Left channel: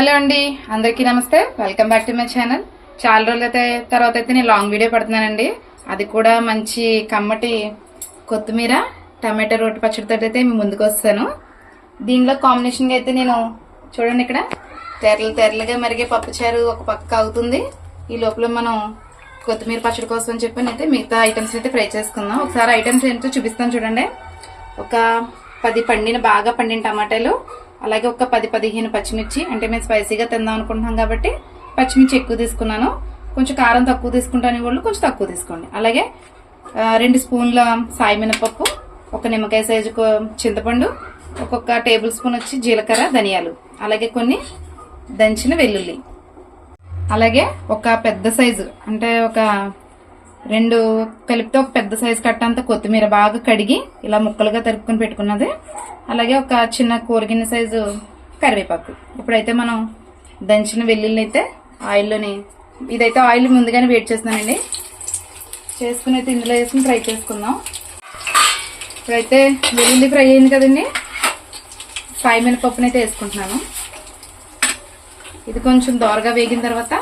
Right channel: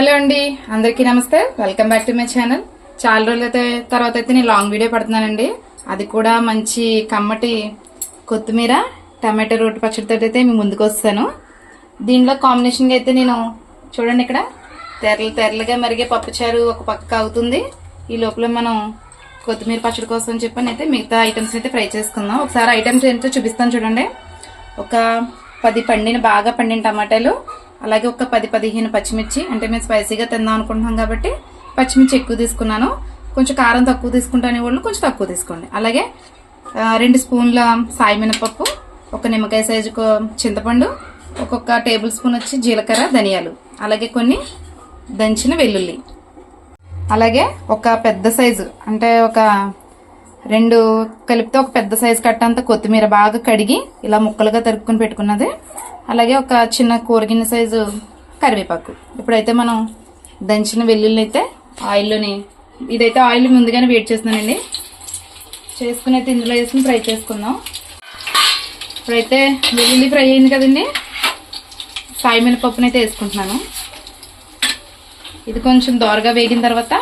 Hello అండి అందరికీ నమస్తే. Welcome back to my channel చాలా రోజులు అయితే తర్వాత అయితే నేను లాంగ్ వీడియో పడుతున్నానండి. అది కూడా మంచి కమ్మటి కొత్తిమీర టమాటో రోటి పచ్చడితో అయితే మేము ముందుకు వస్తాను. దీనిలో కాంబినేషన్గా అయితే నేను చూడండి ఇక్కడ. తెరలు తెరలుగా మరిగే పప్పుచారు ఒక పక్క అవుతుంది. ఈ లోపల మనం కొత్తిమీర పచ్చడి కోసం చెప్పని అయితే మిగతా ఐటమ్స్ అయితే ఫ్రై చేసుకుందాం. ఒకసారి ఐటమ్స్ ఏంటో చూపిస్తాను చూడండి. ఒక పది పండిన బాగా పండిన టమాటాలు అలాగే ఒక పది పదిహేను పచ్చిమిర్చి అంటే మేము స్పైసీగా తిందాం అనుకుంటున్నాం కాబట్టి పచ్చిమిర్చి ఎక్కువ తీసుకున్నాను. కొంచెం కారం తక్కువ తీసుకుంటాను వాళ్ళు కొంచెం తక్కువ తీసుకోండి. అలాగే రెండు స్పూన్ల సాయి మినపప్పు ఒక నిమ్మకాయ సైజు చింతపండు ఒక్కొక్క టేబుల్ స్పూన్ వచ్చి జీలకర్ర ధనియాలు. అలాగే కొన్ని దంచిన వెల్లుల్లి. అలాగే ఒక పెద్ద సైజు అంటే ఒక రెండు కలిపితే ఒక పెద్ద సైజు కట్టంత కొత్తిమీర బాగా కడిగి ఇలా ముక్కలుగా తరుక్కుని పెట్టుకున్నది. అలాగే ఒక చిన్న కూరగిన సైజు కరివేపాకు. ఇప్పుడైతే మనం దంచిన వెల్లుల్లి అయితే ఆయిల్లోని ఇదైతే ఆయిల్ ముందుగానే వేడి చేస్తున్నానండి. చేసుకుని అయితే ఇందులో వేసుకుని ఫ్రై చేసుకుందాం. ఇప్పుడైతే వెల్లుల్లి ఫ్రై అయింది కదండి. సాయి మినపప్పునైతే అయితే వేసుకుంటున్నాను. ఇది కొంచెం దోరగా వేగిన తర్వాత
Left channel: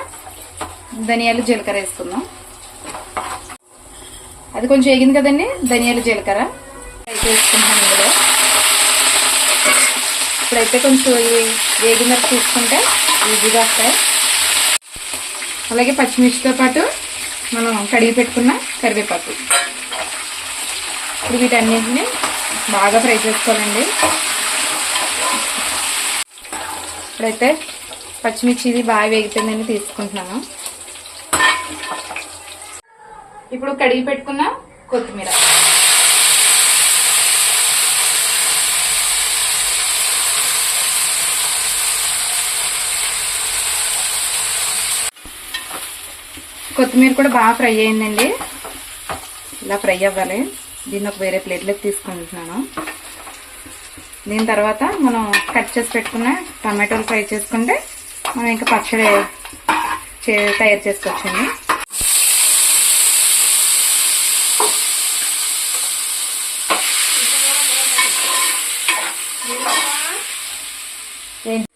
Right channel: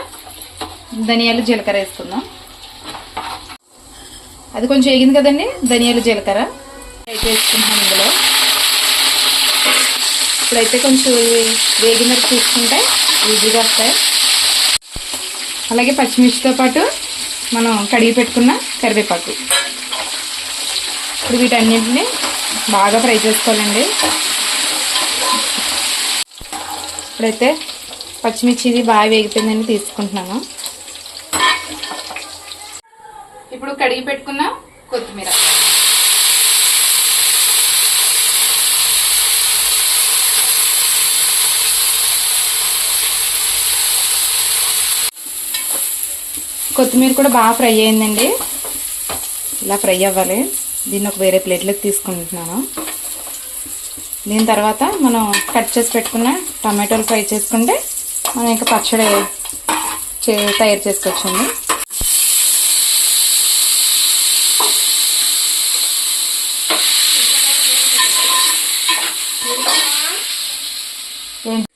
ధనియాలు జీలకర్ర వేసుకుందాం. అది కొంచెం వేగింది కదండి ధనియాలు జీలకర్ర. ఫ్రై వేసుకుంటాం ఇందులో. అయితే కొంచెం ఇవి వేగిన వరకు చూసుకుంటే ఈజీగా వస్తాయి. అలాగే పచ్చిమిర్చితో పాటు మనం కడిగి పెట్టుకున్న కరివేపాకు. ఇప్పుడు వీటన్నింటిని బాగా ఫ్రై చేసుకోవాలండి. ఇప్పుడైతే పచ్చిమిర్చి ఇది బాగా వేగిపోయిందని తీసుకుంటున్నాను. ఇప్పుడు కడిగి పెట్టుకున్న కొత్తిమీర. కొత్తిమీర కూడా బాగా ఫ్రై అయిందండి. ఇలా ఫ్రై అవ్వాలి. దీన్ని ఒక వేరే ప్లేట్లోకి తీసుకుంటున్నాను. దీని తర్వాత మనం కట్ చేసి పెట్టుకున్న టమాటోలు ఫ్రై చేసుకుంటే మనం ఇంకా పచ్చడి చే తయారు చేసుకోవచ్చండి ఏం-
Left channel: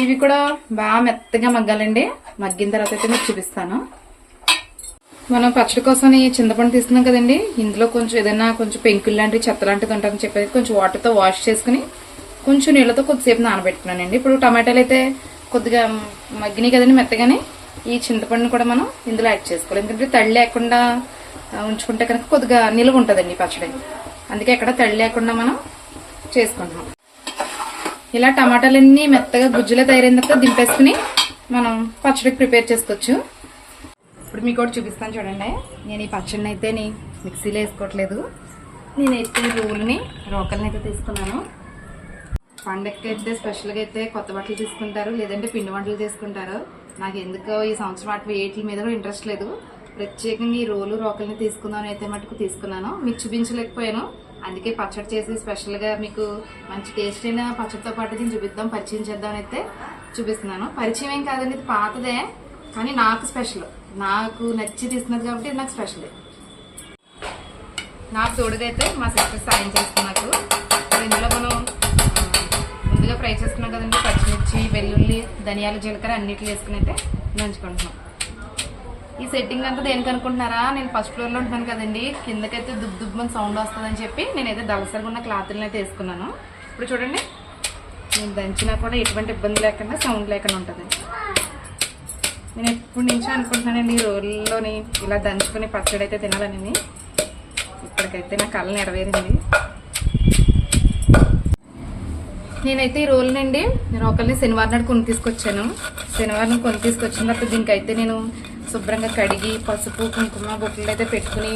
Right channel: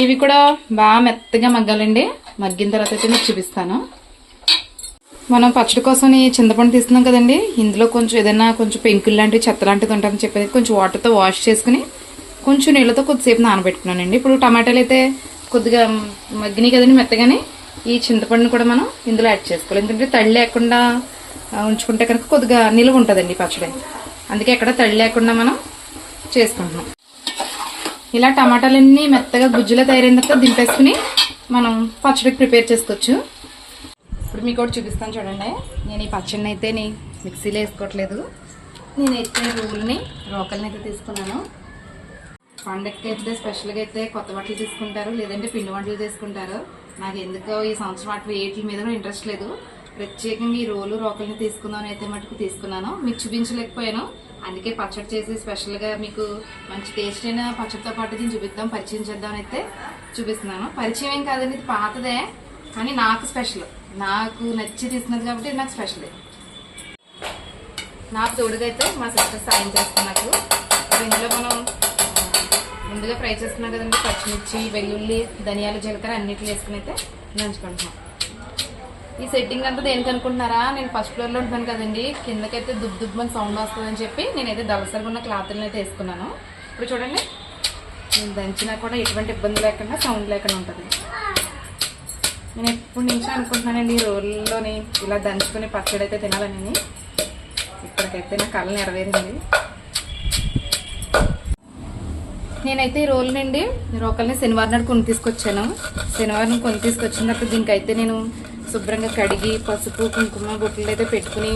ఇవి కూడా బాగా మెత్తగా మగ్గాలండి. మగ్గిన తర్వాత అయితే మీకు చూపిస్తాను. మనం పచ్చడి కోసం ఈ చింతపండు తీస్తున్నాం కదండి. ఇందులో కొంచెం ఏదైనా కొంచెం పెంకులు లాంటివి చెత్త లాంటిది ఉంటామని చెప్పేది. కొంచెం వాటర్తో వాష్ చేసుకుని కొంచెం నీళ్ళతో కొద్దిసేపు నానబెట్టుకున్నానండి. ఇప్పుడు టమాటాలు అయితే కొద్దిగా మగ్గినాయి కదండి మెత్తగానే. ఈ చింతపండుని కూడా మనం ఇందులో యాడ్ చేసుకోవాలి. ఎందుకంటే తడి లేకుండా ఉంచుకుంటే కనుక కొద్దిగా నిలువ ఉంటుందండి పచ్చడి. అందుకే ఎక్కడ తడి లేకుండా మనం చేసుకుంటున్నాం. ఇలా టమాటాలన్నీ మెత్తగా గుజ్జులో తయారైన తర్వాత దింపేసుకుని మనం పచ్చడికి ప్రిపేర్ చేసుకోవచ్చు. ఇప్పుడు మీకు ఒకటి చూపిస్తాను చూడండి. నేను ఈ పచ్చడిని అయితే నీ మిక్సీలో వేసుకోవట్లేదు. నేనైతే రోల్ని రోకల్ని అయితే తీసుకున్నాను. పండగకి అయితే స్పెషల్గా అయితే కొత్త బట్టలు తీసుకుంటారు లేదంటే పిండి వంటలు తీసుకుంటారు. నాకు ఎందుకో ఈ సంవత్సరం అటు వేటి మీద కూడా ఇంట్రెస్ట్ లేదు. ప్రత్యేకంగా ఈ రోలు రోకల్ని తీసుకుందామని అయితే మటుకు తీసుకున్నాను. మీకు చూపించలేకపోయాను. అందుకే పచ్చడి చేసి స్పెషల్గా మీకు మంచి టేస్ట్ అయిన పచ్చడితో పాటు దీన్ని చూపిద్దాం పరిచయం చేద్దామని అయితే చూపిస్తున్నాను. పరిచయం ఏం కాదండి ఇది పాతదే కానీ నాకు స్పెషల్. నాకు నచ్చి తీసుకున్నది కాబట్టి ఇది నాకు స్పెషలే. నాకు తోడుదైతే మా సిస్టర్ సాయం చేస్తుంది నాకు. ఇందులో మనం ముందుగా ఫ్రై చేస్తున్నాం కదండి పచ్చిమిర్చి వెల్లుల్లి ధనియాలు జీలకర్ర అన్నిట్లు వేసుకుని అయితే నంచుకుంటున్నాం ఈ సెట్టింగ్ అంతా దేనికి అనుకుంటున్నారా? నేను ఫస్ట్ ఫ్లోర్లో ఉంటున్నాను కదండి. కిందకైతే దుబ్బు దుబ్బని సౌండ్ వస్తుందని చెప్పి నేనైతే దళసరిగా ఉన్న క్లాత్లను అయితే వేసుకున్నాను. ఇప్పుడు చూడండి. నేను దంచినా కూడా ఎటువంటి ఇబ్బంది లేకుండా సౌండ్ లేకుండా ఉంటుంది. నేను ఎప్పటి నుంచో అనుకుంటున్నానండి ఈ రోజుల్లోని ఇలా దంచుకుని పచ్చడి అయితే తినాలని ఇప్పటికైతే నా కళ నెరవేరింది. నేనైతే ఈ రోజు నుండి ఒకరిని శనివారం నాడు కొని తీసుకొచ్చాను శనివారం కొని తీసుకొచ్చిన తర్వాత దీనికైతే నేను శుభ్రంగా కడిగి పసుపు కుంకుమ బొట్లు అయితే పెట్టుకుని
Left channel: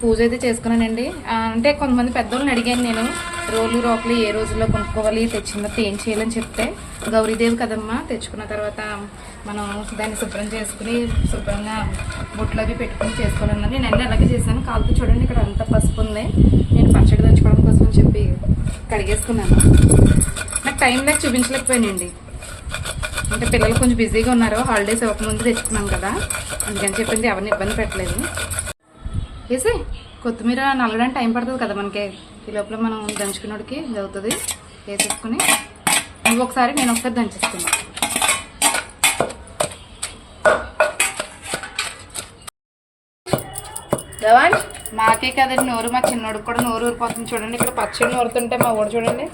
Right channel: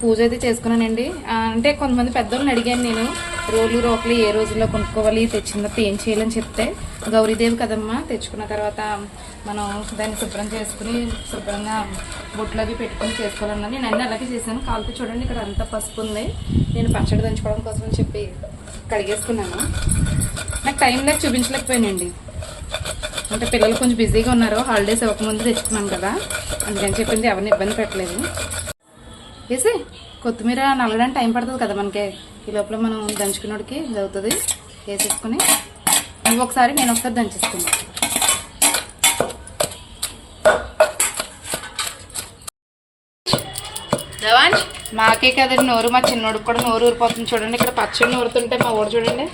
పూజ అయితే చేసుకున్నానండి. అంటే కొంతమంది పెద్దవాళ్ళని అడిగాను నేను రోలు రోకలు ఏ రోజుల్లో కొనుక్కోవాలి తెచ్చినప్పుడు ఏం చేయాలని చెప్తే గౌరీదేవి కదమ్మా తెచ్చుకున్న తర్వాత మనం దాన్ని శుభ్రం చేసుకుని శుభ్రంగా బొట్లు అవి పెట్టుకుని చేసుకోవాలన్నాను నేను అన్నీ అలాగే చేశాను. కాలుపు చూడండి ఇక్కడ అంతా పసుపు ఉంది. నేను పచ్చడి దంచుకోవడం కోసం చెప్పి కడిగేసుకున్నాను. నాకు టైం నాకు చూపించలేకపోయానండి. అంటే పిల్లలు కొంచెం బిజీగా ఉన్నారు హాలిడేస్ ఇవ్వకముందు తెచ్చుకున్నాం కదా. అందుకని చెప్పింది ఎవరిని ఇబ్బంది పెట్టలేదు. వేసి కొత్తిమీర నల్లడానికి టైం పడుతుంది కదా మనకి. ఈ లోపల మనం దంచుకున్నోడికి ఇది అవుతుంది. వేసేసుకుని నువ్వు ఒకసారి నేను ఒకసారి దంచేసుకున్నాను దేవాంశ్ నాకే కదండి నోరు మా చిన్నోడికి కూడా నోరు ఊరిపోతుంది. చూడండి ఇక్కడ పచ్చడి నూరుతుంటే మా ఊరు చూడండి.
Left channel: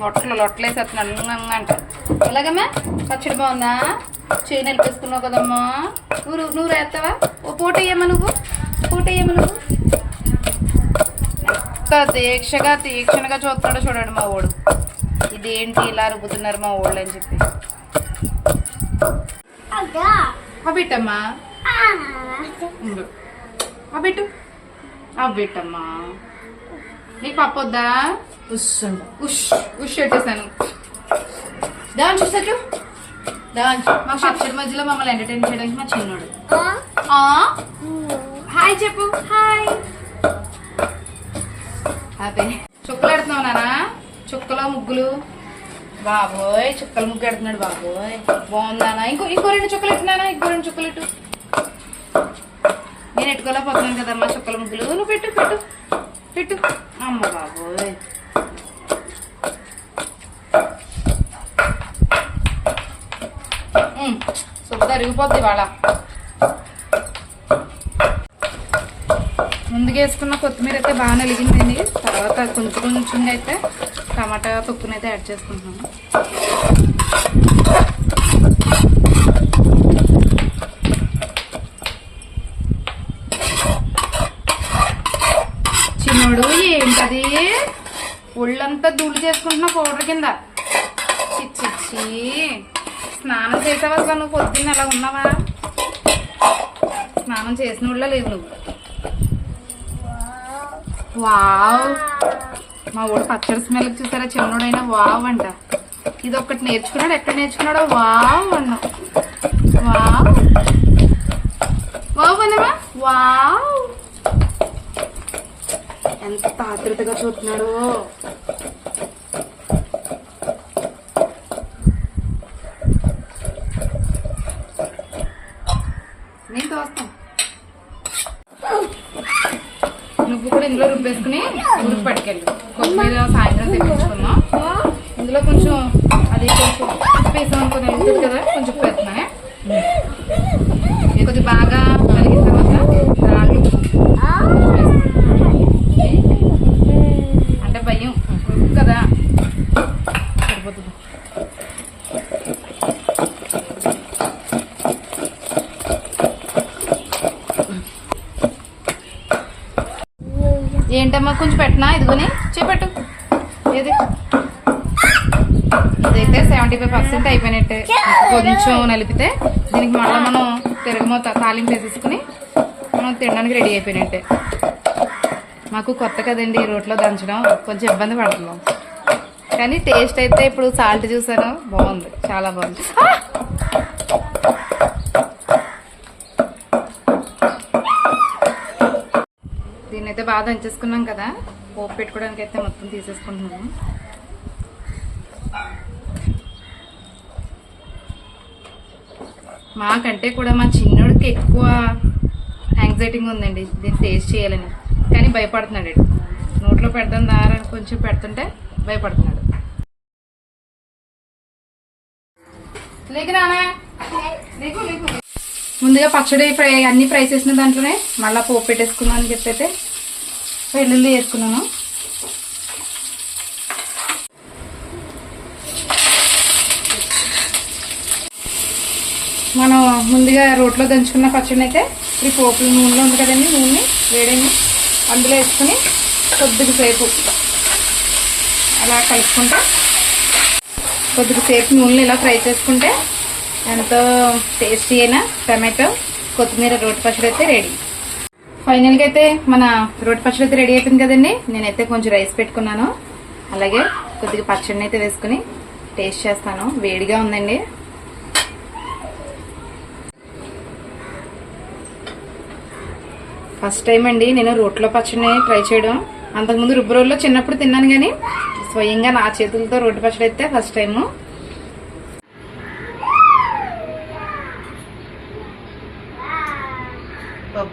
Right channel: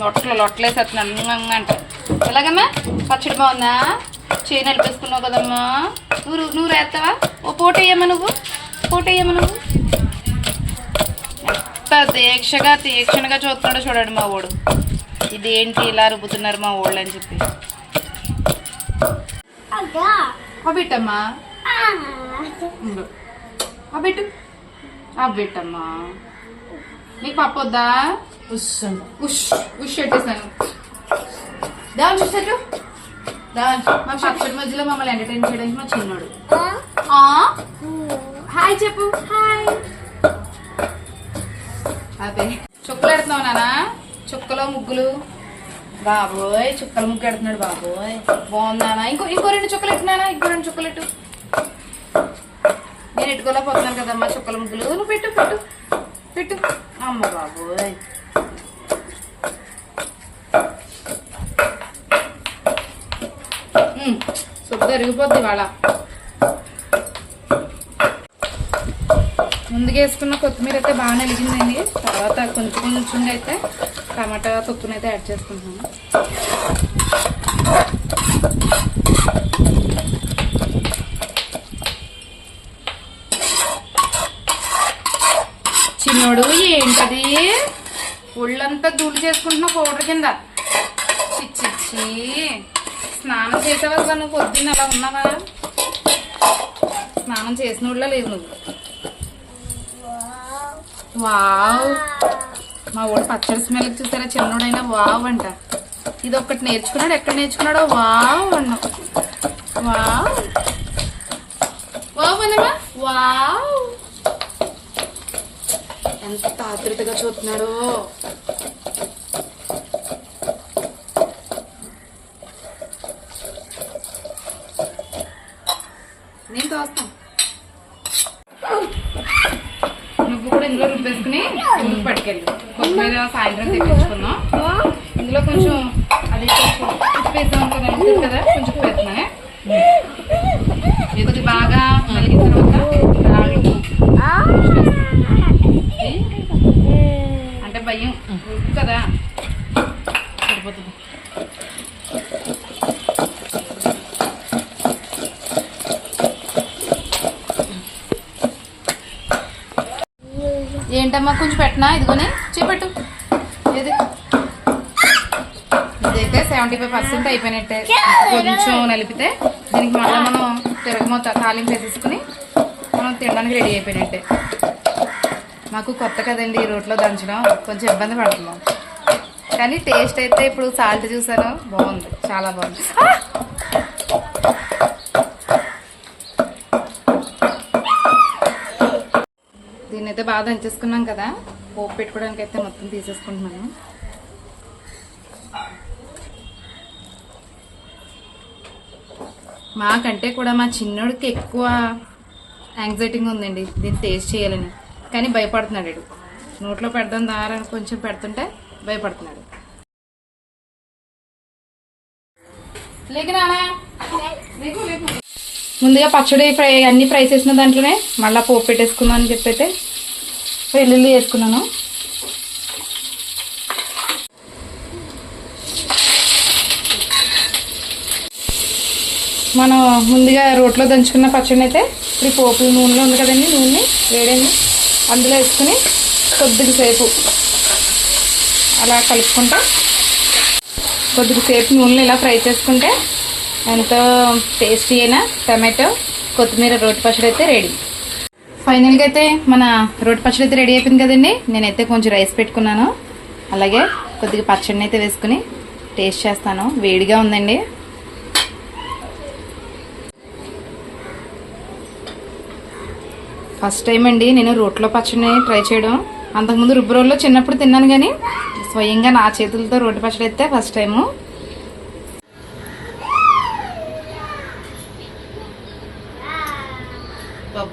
లొట్టలు లొట్టలేసేస్తున్నాను అంటారు ఎలాగమ్మా? పచ్చడి బాగుందా? చేయి నలిపేసుకున్నావు కదమ్మా. నువ్వు నువ్వు వేస్తావా? ఓ పూట వేయమ్మా నువ్వు. పూట వేయమ్మా నువ్వు. ఎంత దీక్షగా తీక్షణగా చూస్తున్నాడో చూడండి మా ఓడు ఇదేంటి ఇలా రుబ్బుతున్నారు మా ఓళ్ళు అని చెప్పి. అబ్బిట్టమ్మా. అబ్బిట్టు అబ్బిట్టమ్మా నీకు పప్పు వద్దా? వస్తుండ ఉష్ ఉష్ పెట్టేశాను. దేవాంశ్ చూసారు దాని మా పచ్చడి మధ్యలో మమ్మల్ని ఎంటర్టైన్ చేయడానికి మా చిన్నోడు. ఆ? హాయ్ చెప్పు. హాయ్ అదే చుక్కలు పెడుతున్నావు నానా చుక్కలో ముగ్గులు. బాబోయ్ చుక్కల ముగ్గు పెడుతున్నాడు బాబోయ్. బాగుందానా ఇంకో ఇంకో రెండు చుక్కలు ఎట్టినానా ఇంకో రెండు చుక్కలు ఎట్టు నేను ఎట్టుకోలేకపోతున్నాను కదమ్మా చుక్కల ముగ్గులు. నువ్వు పెట్టు పెట్టు. పెట్టు. అమ్మ బాబోయ్. ఉమ్, సుద్ద ఇవాళ. ముందుగా వేసుకున్న కొత్తిమీర అయితే బాగా నలిగిందండి తర్వాత కొంచెం కొంచెం అయితే టమాటా తొక్కునైతే యాడ్ చేసుకుంటున్నాము. చిన్నోడు ఏంటది? ఒళ్ళంతా దూలు చేసుకుంటున్నా పౌడర్ కింద. చిచ్చిచ్చి స్నానం చేసావా అసలు నువ్వు పొద్దున్న అలా ఉన్నావా? స్నానం చేసిన వాళ్ళ లేవు నువ్వు. వావ్. మా ఊడు పచ్చడి స్మెల్ చూసారా? చిన్నోడైనా వావ్ అంట. ఇది ఒక్కటి నేర్చుకున్నాడు. ఎక్కడ నేర్చుకున్నాడో? వావ్ అన్నా. వావ్. వావ్ అన్నమా వావ్. ఎంత ఆతృతగా చూస్తున్నాడో నేను తోస్తాను నువ్వు కూడా ఇందులో రుబ్బేసుకుని ఉడికి పట్టుకెళ్ళు. కొత్తిమీర సాయంత్రం తెప్పించుకుందాం. ఇందులో కొంచెం అది కొంచెం ఉప్పు వేసాం అనుకో నలుగుతుంది కదా కొంచెం ఉప్పు వేస్తున్నా కొద్ది బాగా కలిగిన తర్వాత రాళ్ళు ఉప్పు కొంచెం వేస్తున్నా. అంటే భయం ఉప్పు కదా సరిపోతుంది ఏంటమ్మా? కొంచెం పెట్టనా? ఇదిగోని చూపెట్టు. ఏది? ఇదైతే సెవెంటీ ఫైవ్ పర్సెంట్ అయిపోయినట్టే. కొంచెం నలిపితే దీనికి మళ్ళీ మనం తిరగమూత తాలింపు వేసేసుకుని మనం తినడానికి రెడీ అయిపోయినట్టే. మాకు కొత్త కదండి ఈ రోట్లో దంచడం. కొంచెం ఇబ్బంది పడుతున్నాం. కానీ టేస్ట్ అయితే ఇప్పుడు సాల్ట్ చూసాను బాగుంది. చాలా బాగుంది దీన్ని అయితే బాగా దంచేసుకున్నాం కదా. పోపు పెట్టుకోవడానికి అయితే మొత్తం తీసేసుకుంటున్నాను. మాకంటే కూడా మా చిన్నోడికి ఎక్కువ యాంగ్జైటీగా ఉందండి. దీన్ని టేస్ట్ చేయాలని. కానీ భయపడుతున్నాడు నోట్లో పెడదాం దారా కొంచెం పెడుతుంటే భయపడుతున్నాడు. ముందుగా పచ్చడి ఫ్రై అన్ని ఫ్రై చేసిన దాంట్లోనే మళ్ళీ పోపు పెట్టేసుకుందాం అని చెప్పి అయితే వెల్లుల్లి వేసుకున్నాను. మనం ముందుగా రోట్లో దంచుకున్న పచ్చడి అయితే ఇప్పుడు పోపులు నూనెలో ఉంది కదండి నూనె వేడేమి అందులో వేసుకుని కొద్దిగా సేపు అలా కలుపుకుంటా. కొద్దిగా సేపు నూనె ఇలా ఫ్రై చేసుకుంటే ఎంతో టేస్టీ అయిన టమాటో కొత్తిమీర రోటి పచ్చడి అయితే రెడీ. ఫైనల్గా అయితే మన రోటి పచ్చడి అయితే రెడీ అయిపోయింది కదండి. నేనైతే కొంచెం రైస్ పెట్టుకున్నాను. అలాగే కొద్దిగా పచ్చడిని అయితే వేసుకుని టేస్ట్ చేస్తాను. వేడిగా ఉందండి. ఫస్ట్ టైం అండి నేను రోట్లో పచ్చడిని ట్రై చేయడం. అంతకుముందు రుబ్బు రోల్లో చిన్నప్పుడు తిన్నాను కానీ స్వయంగా నా చేతులతో రోటి పచ్చడి అయితే ఫస్ట్ టైము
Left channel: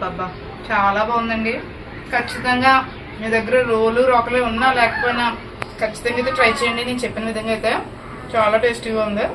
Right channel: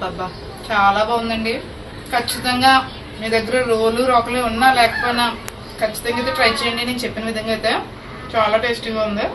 బాబా చాలా బాగుందండి. ఖచ్చితంగా మీ దగ్గర రోలు రోకలు ఉన్నా లేకపోయినా ఖచ్చితంగా అయితే ట్రై చేయండి. నేను చెప్పిన విధంగా అయితే చాలా టేస్టీగా ఉంది.